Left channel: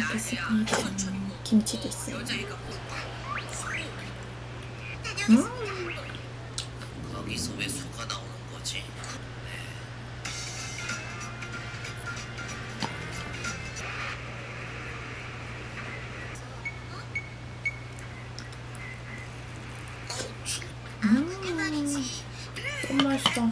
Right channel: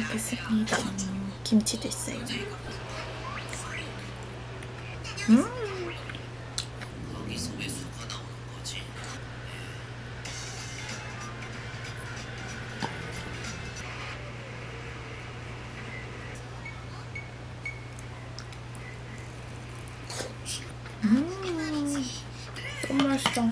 먹겠습니다. 김치도 있어요. 여기서 왜 수가 나오는 거지? 너무 맛있어.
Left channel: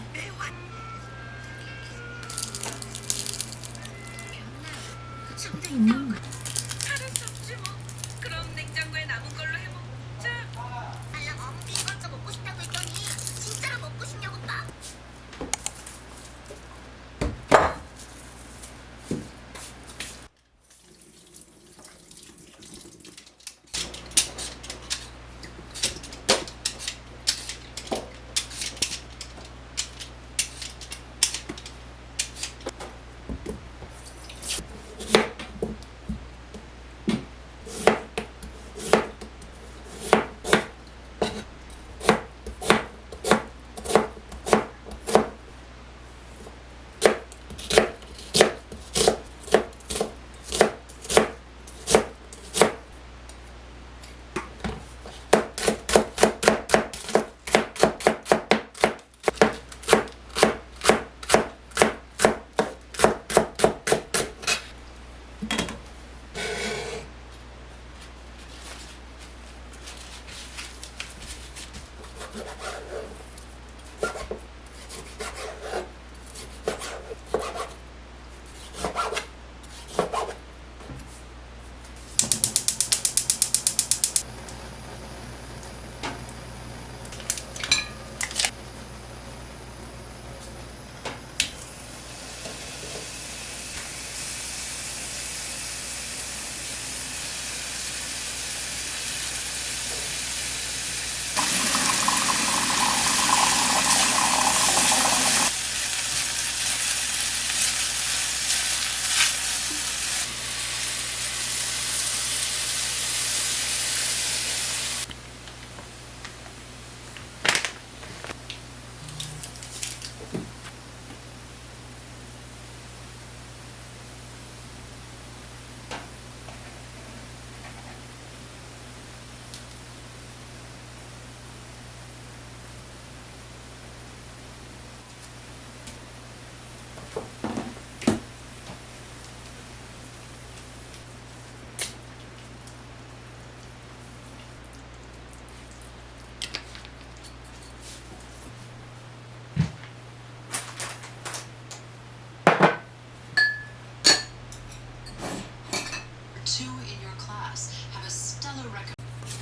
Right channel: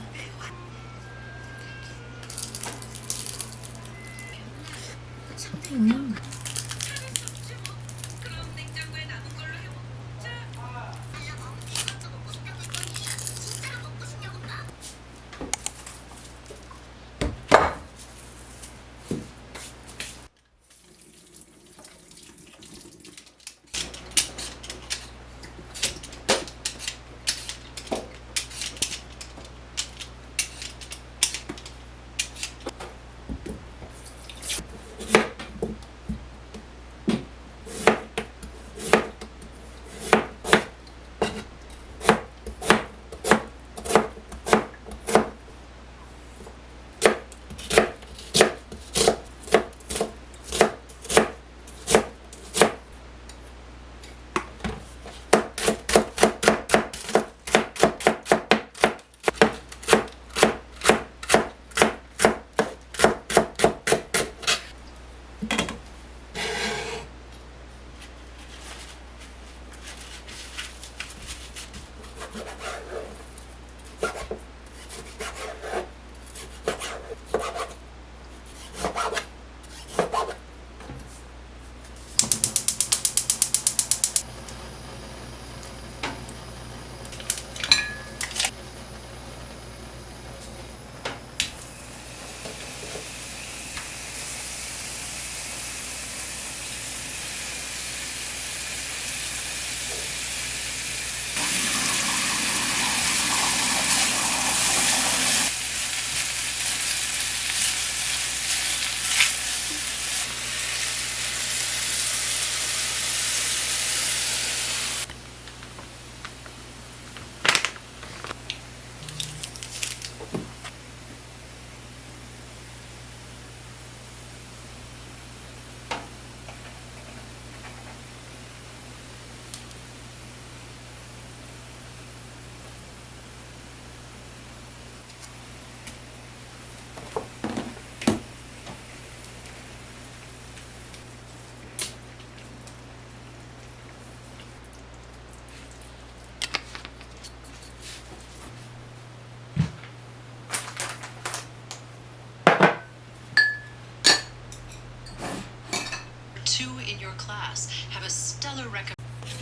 Two in your class have a stellar recommendation.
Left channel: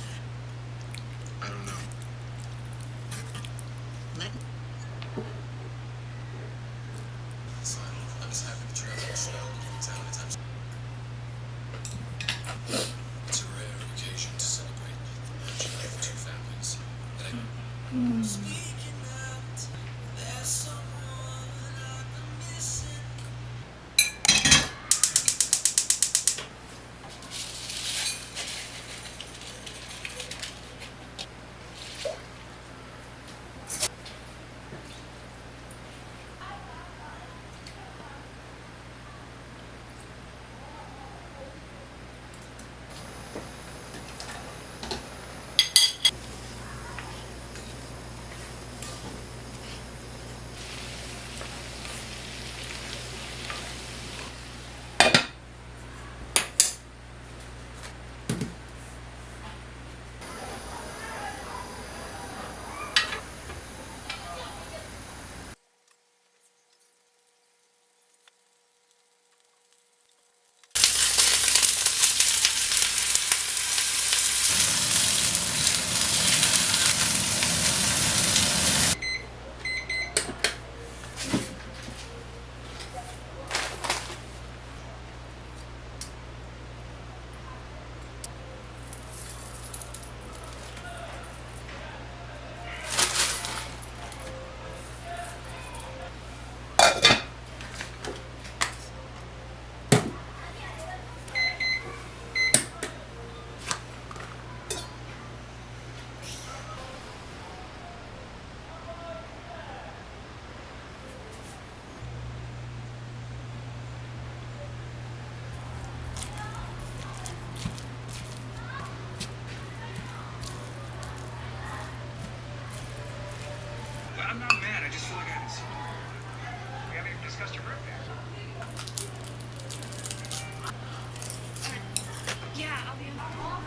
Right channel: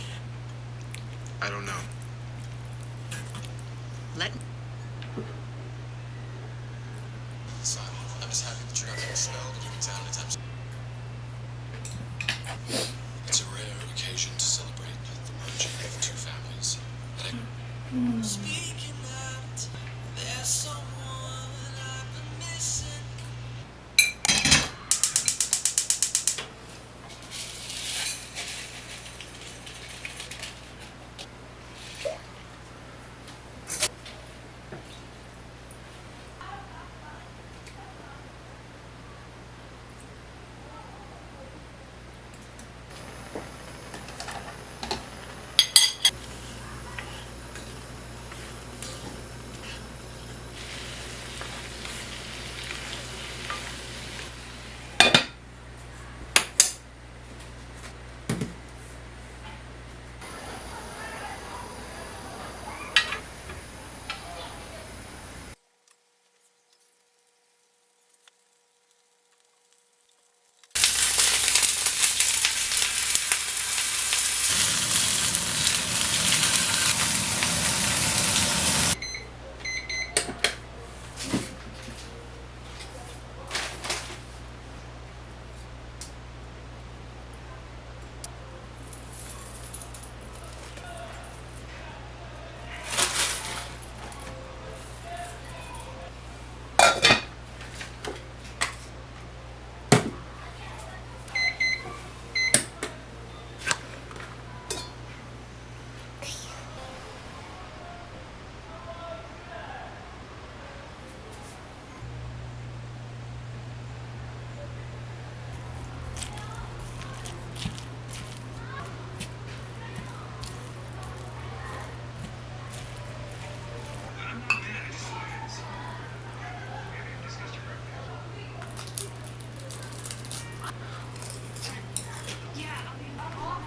I don't know. Let Sorry, I'm just happy that you guys are snowed in town anytime soon. It's a rare occasion to celebrate the merging of the two families. And Speaking out, there's someone I've been missing.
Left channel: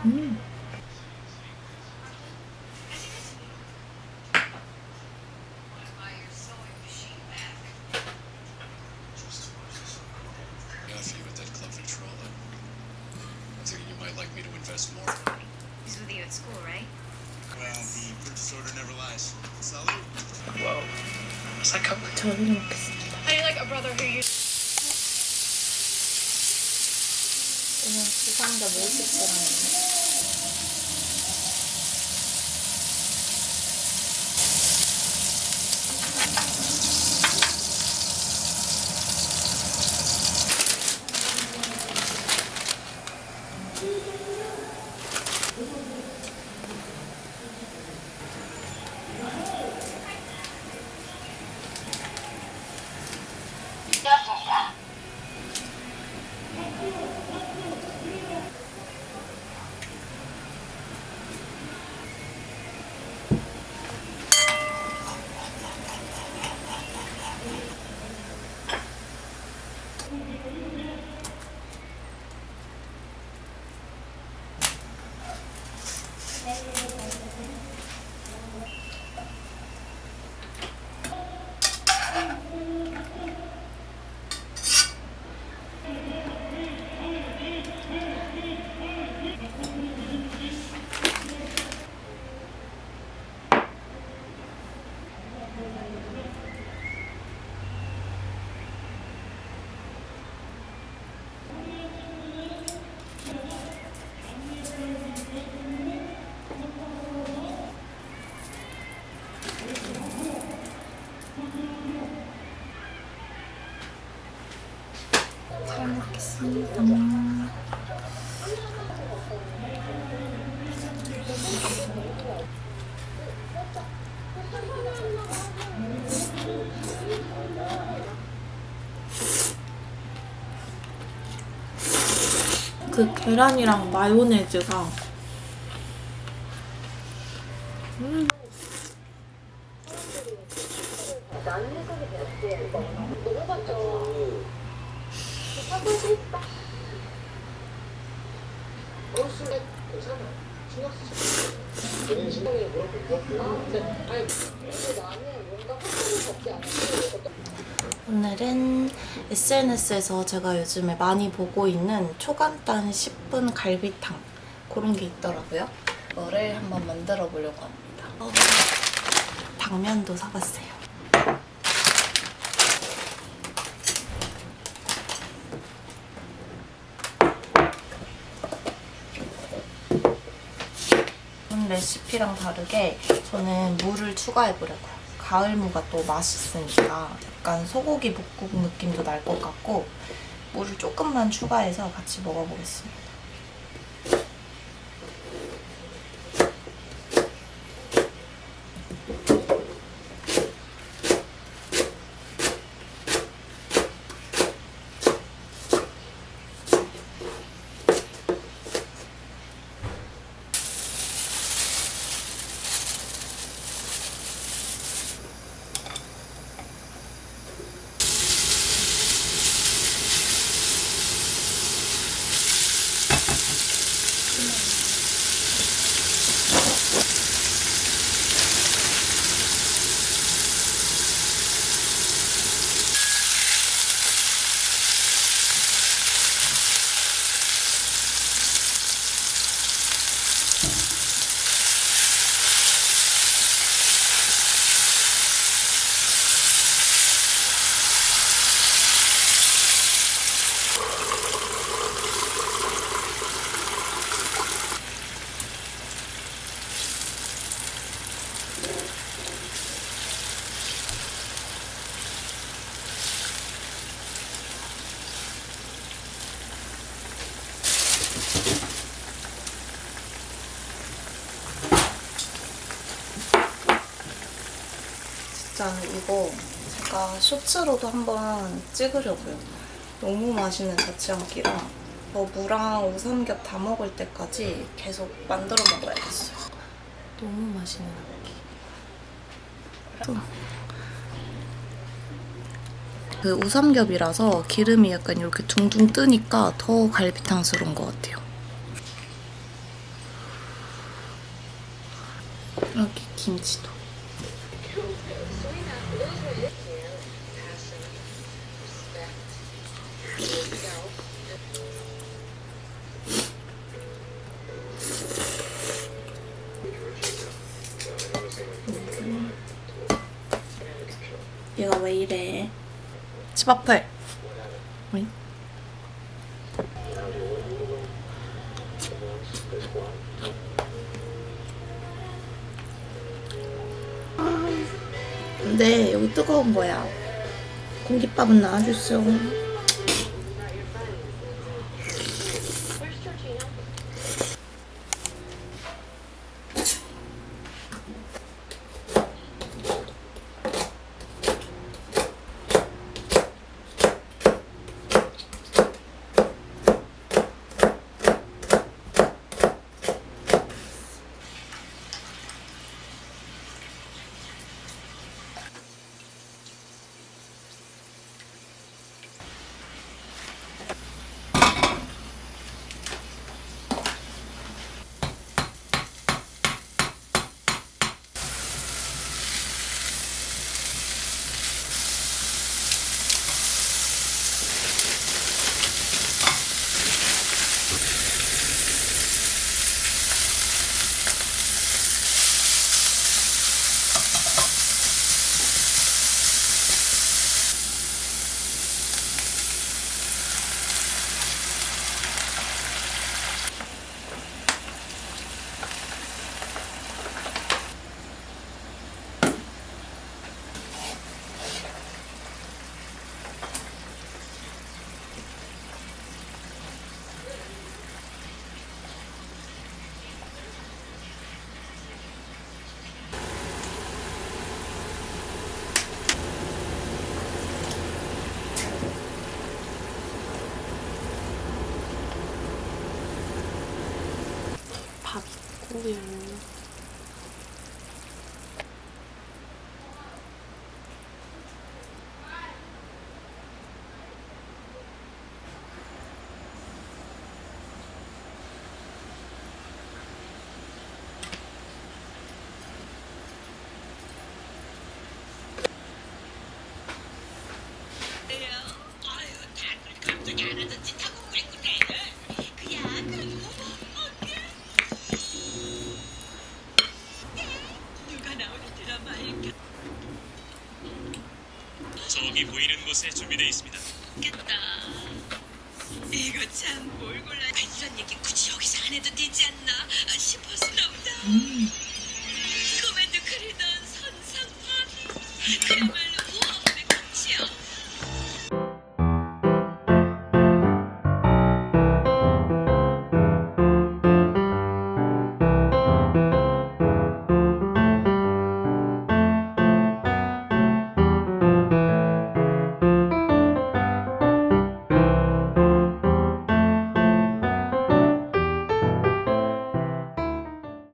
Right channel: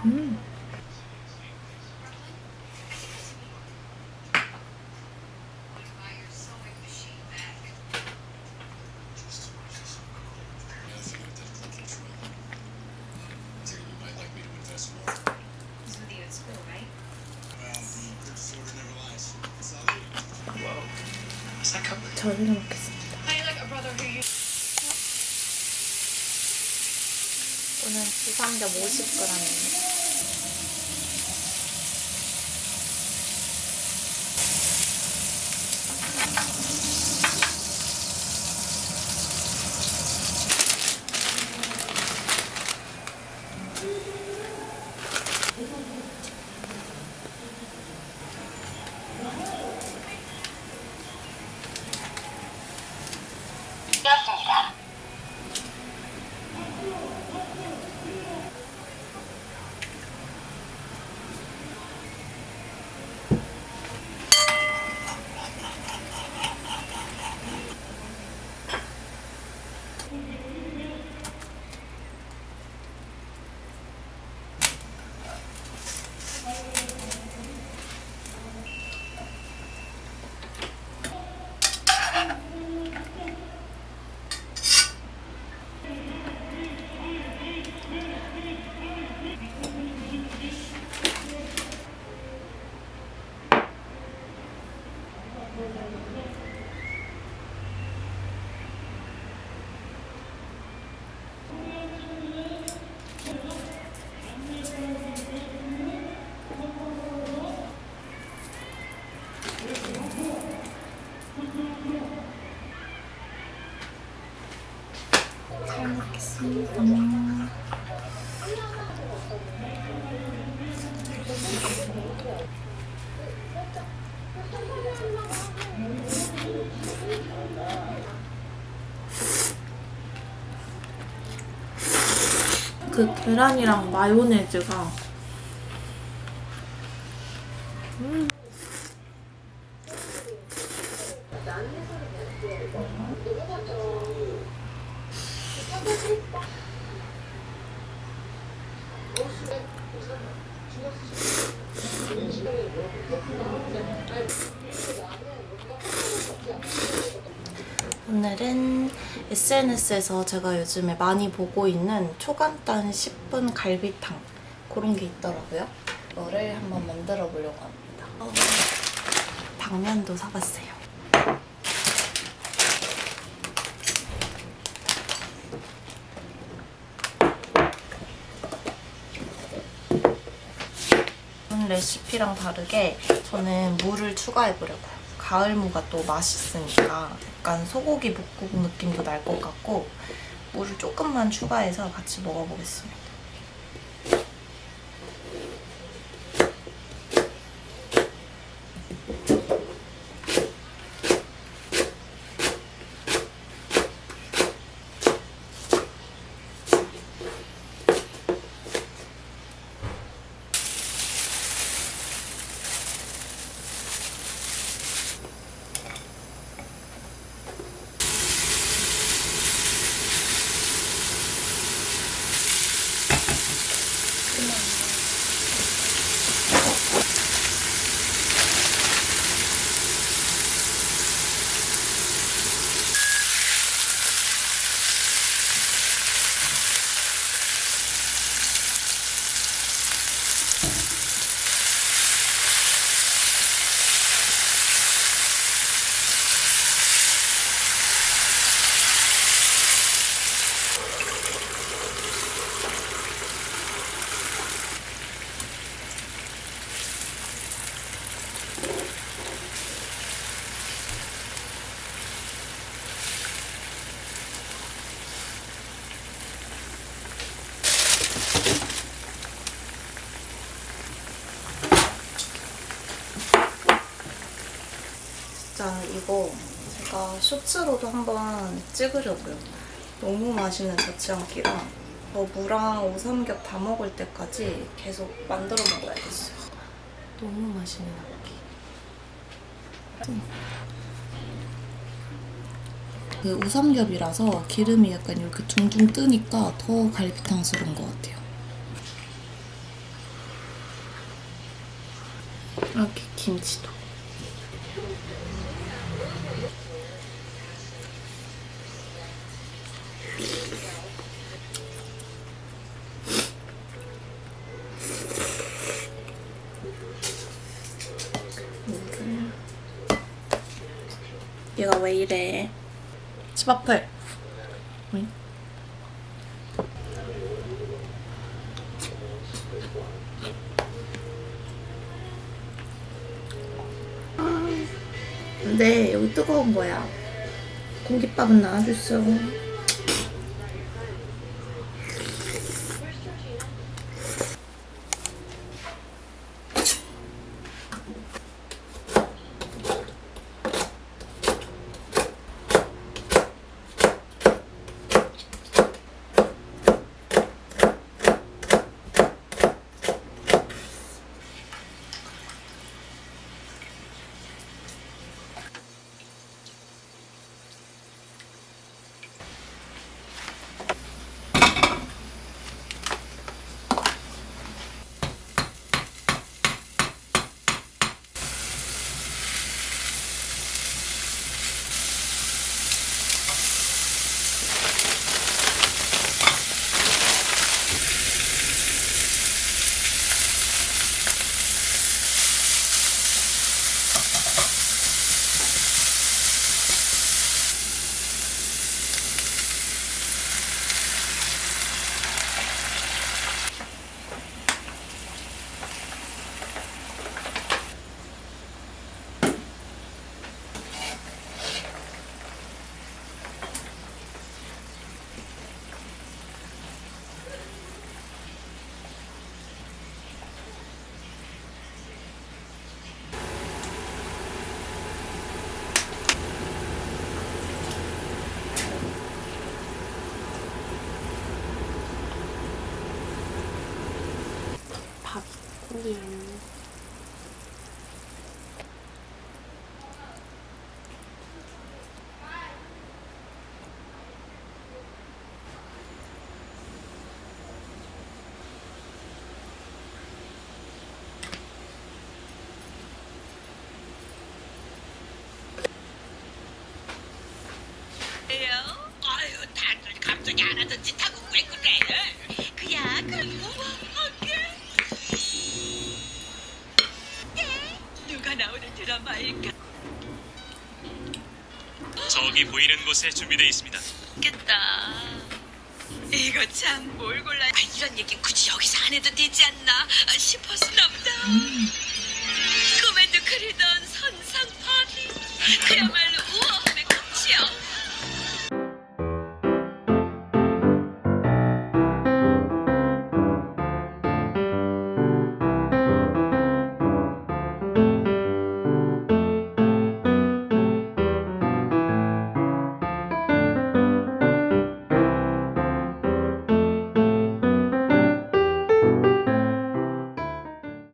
Enough you with that club controller. I figure you might like me to invest more. He's with you at school, right? Well, the purchase order never lies. Salud. Whoa. What's that cover? 저희를 먹겠습니다. 오늘 부삼겹 50g입니다. 잘 먹겠습니다. 그 계란이랑 마요네즈가 오늘은 SNS에서 제가 요즘에 많이 보고 있는 초간단 10분 갈비탕 그런 게 있더라고요. 이거를 한번 만들어 보려고 합니다. 당면도 사봤어요. 레시피랑 다르게 저는 무를 추가해보려고요. 가을무가 또 맛있으니까 약간 소고기 묵국 느낌도 날 것 같고 무를 조금만 추가해서 같이 먹어보겠습니다. 진짜 이거 제가 쇼츠로도 한번 찍으려고요. 너무 맛있는 자취한끼라 무랑 오삼겹 다 먹을 때까지 계속 만들어 먹어야겠어요. 너무 맛있는 한끼. 그 우삼겹이라서 기름이 약간 이렇게 둥둥 뜨니까 더 갈비탕스러운 것 같아요. 이렇게 김치도. 얘가 왜 이래? 집 앞에. 어이? 근데 여기 뜨거운 거야. 공깃밥은 나와줬어. 밥 있고요. 저기 보이는 곳에 준비되어 있습니다. 겠다. 이거 참 뭘 골라. 이런 얘기 굳이 여기서 안 해도 되지 않나 싶었나 보다. 꿈에도 그리던 선상파니. 그야말로